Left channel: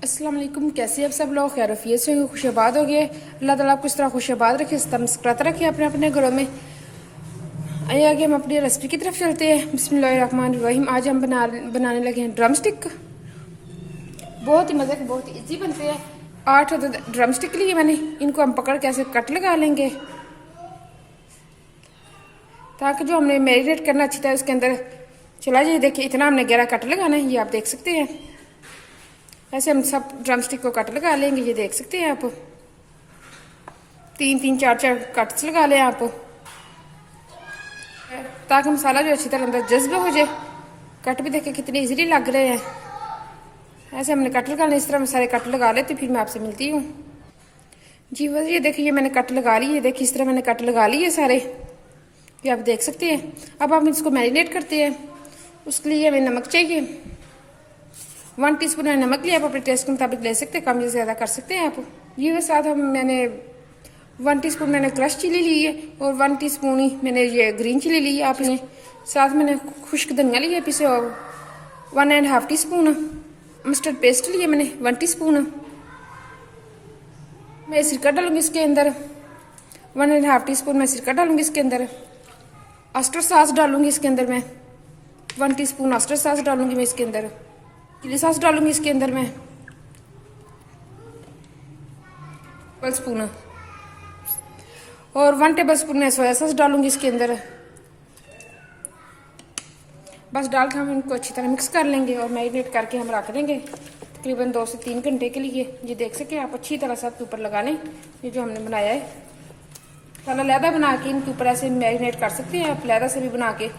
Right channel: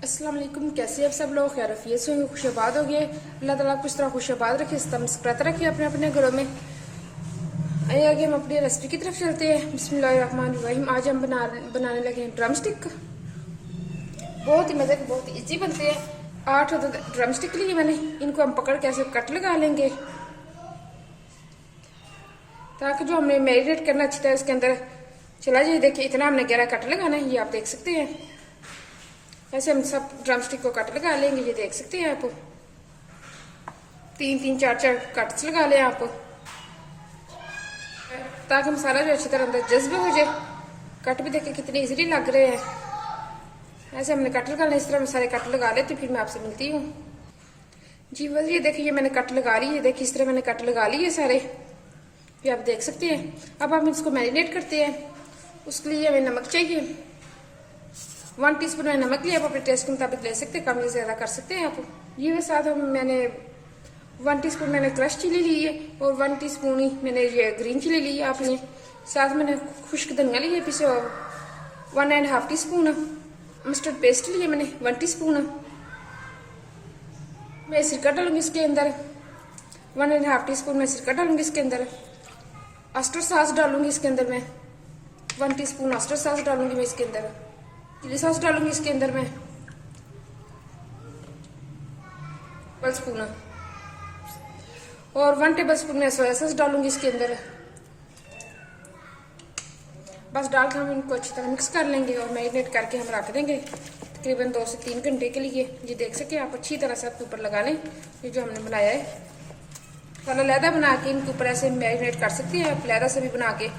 अस्सलाम वालेकुम। कैसे आप सब लोग? खैर रफियत से खुशबाद हो गए। अल्लाह ताला आपको इस तरह खुशबाद रखे, मुस्कुराता रखे अपने अपने घरों में। आइए आगे हम अपनी रेसिपी की तरफ चलते हैं। बिस्मिल्लाहिर्रहमानिर्रहीम। आज हम बनाने लगे हैं ड्रम स्टिक। बहुत ही मज़े के, बहुत ही ईजी बनते हैं। 8 ड्रम स्टिक लिए मैंने। इनको हम पकड़ के ऐसे कट लगा लेंगे ताकि जो हमने मैरिनेट करना अच्छी तरह इसके अंदर चला जाए। देखिए इतना हमने गहरा कट लगाना है, ये आप देख सकते हैं। ऐसे हम सब ड्रम स्टिक को कट लगा लेंगे, ये देख सकते हैं आप। 3-3, 4-4 कट्स लगा लें आप, ताकि मसाला जो अच्छी तरह अंदर जज्ब हो जाए। कट भी देखिए कितने इजीली लग रहे हैं। ऐसे हमने कट लगा लें, इस तरह मैं सारे कट लगा लेती, फिर मैं आपसे मिलती हूँ। जी बस ये देखिए, ये मैंने कट लगा ली है। देखिए इस तरह मैंने कट लगा लिए सारे, ये आप देख सकते हैं। अब हम इसको मैरिनेट करते हैं। उसके लिए हमें नमक चाहिए। 1 टीस्पून मैंने नमक लिया, आप अपने टेस्ट के मुताबिक ले सकते हैं, कम या ज़्यादा कर सकते हैं आप। ये के साथ मैंने 1 टीस्पून मैंने क्रश चिली ली है और 1 टीस्पून ही मैंने ये ग्रीन चिली ली है आपने। साथ मैंने खुश्क धनिया लिया पीसे, और 1.5 टीस्पून मस्टर्ड पेस्ट लिया मैंने 1 टीस्पून। मैं सिरका डालूंगी इसके अंदर। 1.5 टीस्पून मैं सिरका डालूंगी इसके अंदर। ऑयस्टर सॉस डालूंगी इसके अंदर मैं। 1 टीस्पून ऑयस्टर सॉस डालूंगी मैं इसके अंदर। चिली सॉस डालूंगी इसके अंदर मैं 1 स्पून, और 1 टेबल स्पून मैं सोया सॉस डालूंगी इसके अंदर। बस डालकर हम इनको अच्छी तरह मिक्स कर लेंगे और मैरिनेट करके हम रख देंगे तकरीबन 2 से 3 घंटे के लिए। ये देख सके आप, अच्छी तरह से आपके ऊपर लगा लें। ये जो हमने बनाया है साला लैदा बना के इनके ऊपर ऐसे मैरिनेट कर सकते हैं आप, लैदा से भी बना के।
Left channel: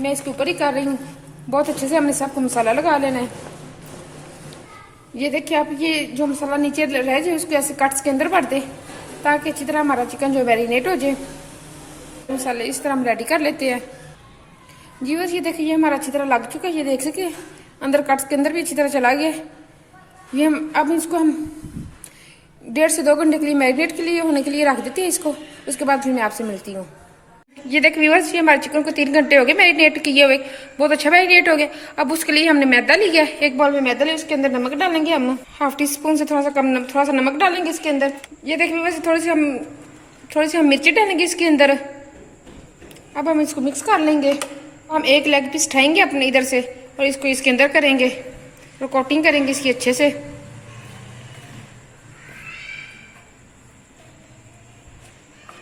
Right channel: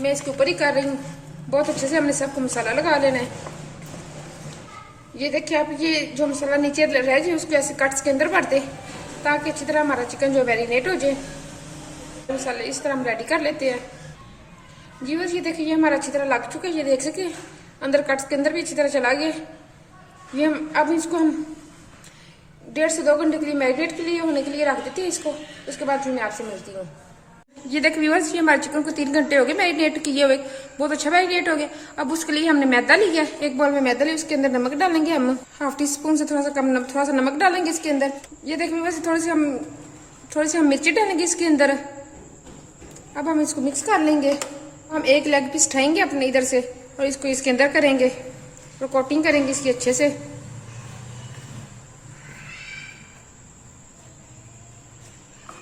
मैं इसके ऊपर ही कर रही हूँ। बहुत अच्छे से हमने सबको मसाला लगा लेना है। ये देखिए आप, ये जो मसाला नीचे रह जाए उसको ऐसे कट्स के अंदर भर दे, ताकि अच्छी तरह हमारा चिकन जो मैरिनेट हो जाए। मसाले इस तरह हम रेडी कर लेते हैं। जी बस ये देखिए, ये हमारा अच्छी तरह लग चुका है। ये देख सके अंदर कट्स के अंदर भी अच्छी तरह चला गया। ये हम अब इसको हम 1.5 से 2 घंटे के लिए मैरिनेट के लिए होने के लिए रख देते हैं इसको। उसके बाद फिर मैं आपसे मिलती हूँ। ये देखिए व्यूअर्स, ये हमारे चिकन को 3 घंटे हो गए मैरिनेट किए हुए। बहुत अच्छा मैरिनेट हो गया। अब उसके लिए हमने मैदा लिया, एक बाउल में मैदा लिया। उसके अंदर नमक डालेंगे हम 1/2 टीस्पून से थोड़ा सा कम, थोड़ा सा नमक डालेंगे इसके अंदर। ये देखिए व्यूअर्स, थोड़ी सी हम मिर्ची डालेंगे इसके अंदर। अब हम इसको मिक्स कर लेंगे। हम एक लेग पीस उठाएंगे अपने इधर से और इसको इसके अंदर करेंगे और कोटिंग करेंगे इसकी अच्छे से।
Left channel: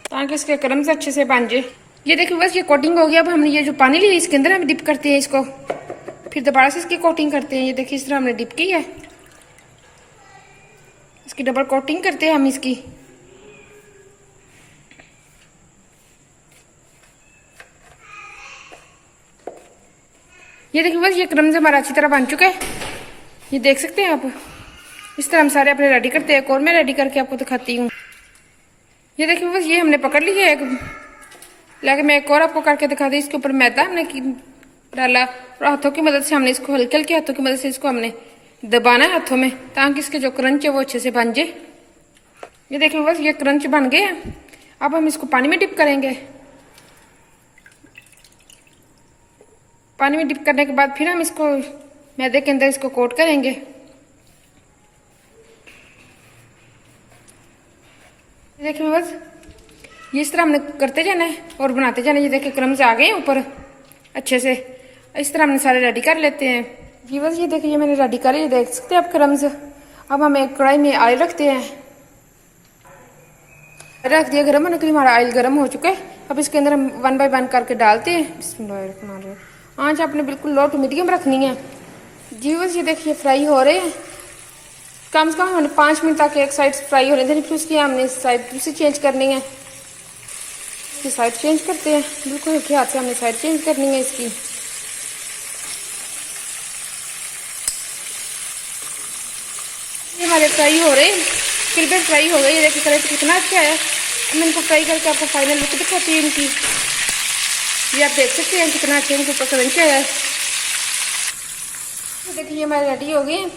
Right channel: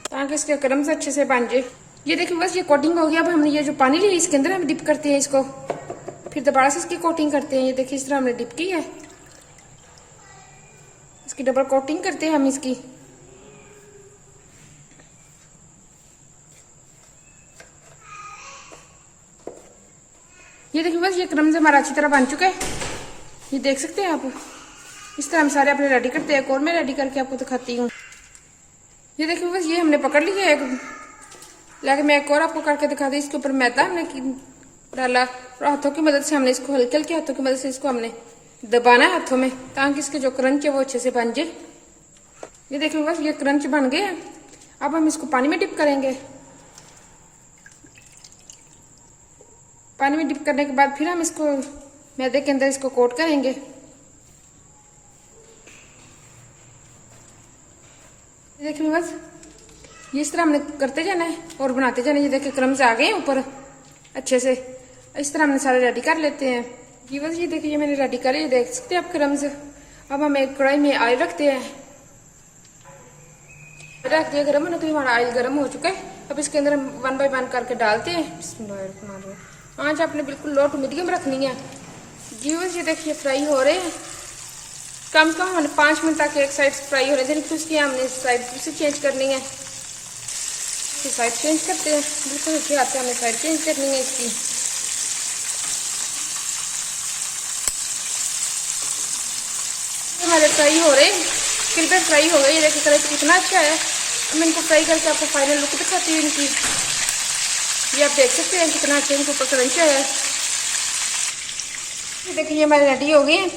ताकि इसके क्रम्स अच्छे से बन जाए। ये देखिए बस ये कोटिंग हो गया। अब हमने ये जो पानी लिया इसके अंदर हम डिप करते हैं इसको, फिर दोबारा से इसकी कोटिंग करते हैं। ये देखिए इस तरह हमने डिप की है, इसकी डबल कोटिंग करते हैं हम इसकी। ये देखिए बस ये क्रम्स हमारा अच्छी तरह बन चुका है। ये देख सकते हैं आप। इस तरह हम सारे अपने रेडी करते हैं। एक और मैं रेडी करके आपको दिखाती हूँ। ये देखिए बस ये हमने पकड़ लिया है, लेकिन मैं एक और आपको करके दिखा दी। इसके ऊपर मैदा हमने डाला और हाथों की मदद से हमने इसको हल्के हल्के हाथों की मदद से इसको हमने दबाना है हाथों में, ताकि इसके जो क्रंच है वो अच्छे से बन जाए। ये देखिए बस ये क्रंच बन गए हैं। अब हम इसको पानी में डिप करेंगे। पानी में डिप करने के बाद फिर हम इसको मैदे के अंदर इसको कोट करेंगे। देखिए बस ये इस तरह हमने करते जाना है और बनाते जाना है। ये देखिए क्रम्स आ गए ऊपर अच्छे से। इस तरह हमने सारे रेडी कर लेते हैं। ये बस ये देखिए, ये मैंने रेडी कर, ये देख सकते हैं आप क्रम्स। अब हम एक कढ़ाई में ऑयल रखते हैं। रख दिया गर्म होने के लिए, हमारा ऑयल गर्म हो चुका है। अब इसके अंदर हम 1 बाय 1 करके डालते हैं। आँच आपने बिल्कुल लो टू मीडियम रखनी है। जी बस ये देखिए फ्राई हो रहे हैं। कम से कम हमने 5 मिनट तक एक साइड फ्राई होने देनी, फिर उसकी हमने साइड दूसरी चेंज करनी है। इसकी साइड चेंज करते हैं, बिल्कुल हल्के हाथ से हमने साइड चेंज करनी है इसकी। ये हमारे फ्राई हो रहे हैं, फिर फ्राई हो गई। ये देखिए कलर कितना अच्छा है। मैं इनको फ्राई करके आपको फाइनल लुक दिखाती हूँ इनकी। ये आप देख सकते हैं कितना अच्छा इनके ऊपर क्रंच है। ये देखिए ये हमारे रेडी हो गए हैं।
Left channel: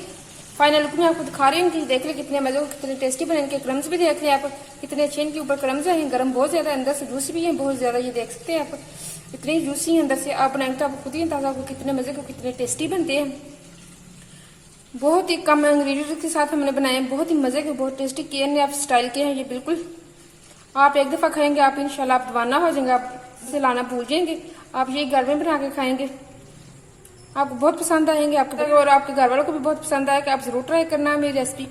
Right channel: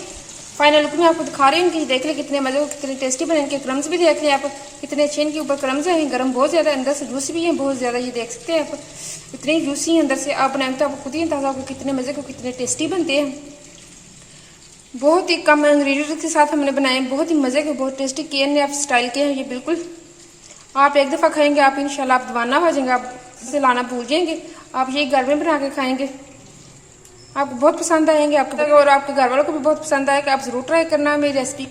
फाइनल लुक में आपको दिखा रही हूँ कि देख ले कितने मजे, कितने टेस्टी बने। इनके क्रम्स भी देख ले आप, कितने अच्छे इनके ऊपर क्रम्स हैं। गर्म बहुत ज्यादा, अंदर से जूसी भी है बहुत ज्यादा। ये देख सकते हैं आप, इतनी जूसी है अंदर से। आप बनाएंगे तो आपको खुद ही अंदाजा होगा कितने मजे को, कितने टेस्टी बनते हैं। बहुत ही कम इंग्रेडिएंट के साथ हमने बनाए हैं, बहुत ही मजे के, बहुत टेस्टी KNF स्टाइल के हैं ये। बिल्कुल आप एक दफा खाएंगे आप इंशाल्लाह आप दीवाना हो जाएंगे, आप इसे लाना भूल जाएंगे। आप ये घर में बना के खाएंगे, आपको बहुत पसंद आएंगे, आपके और आपके घर वालों को भी बहुत पसंद आएगा। आप जरूर ट्राई करना मेरी रेसिपी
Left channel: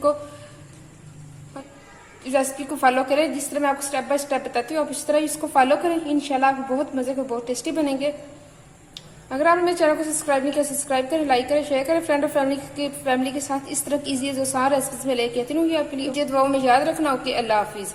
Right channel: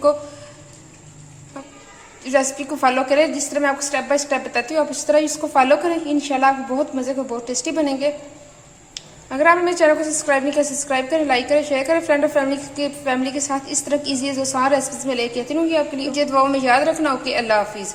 को फॉलो करें। जिस तरह मैं आपको स्टेप बाय स्टेप बताती हूँ आप इस तरह इसको फॉलो करें, इंशाल्लाह आपको बहुत मजे के, बहुत टेस्टी बनेंगे। अगर आपने मेरे चैनल को सब्सक्राइब नहीं किया, सब्सक्राइब करें, लाइक करें, शेयर करें फ्रेंड और फैमिली के साथ। इस तरह की इजी जो सारा रेसिपीज में लेके आती हूँ आपके लिए। मुझे दुआओं में याद रखना। ओके, अल्लाह हाफिज़।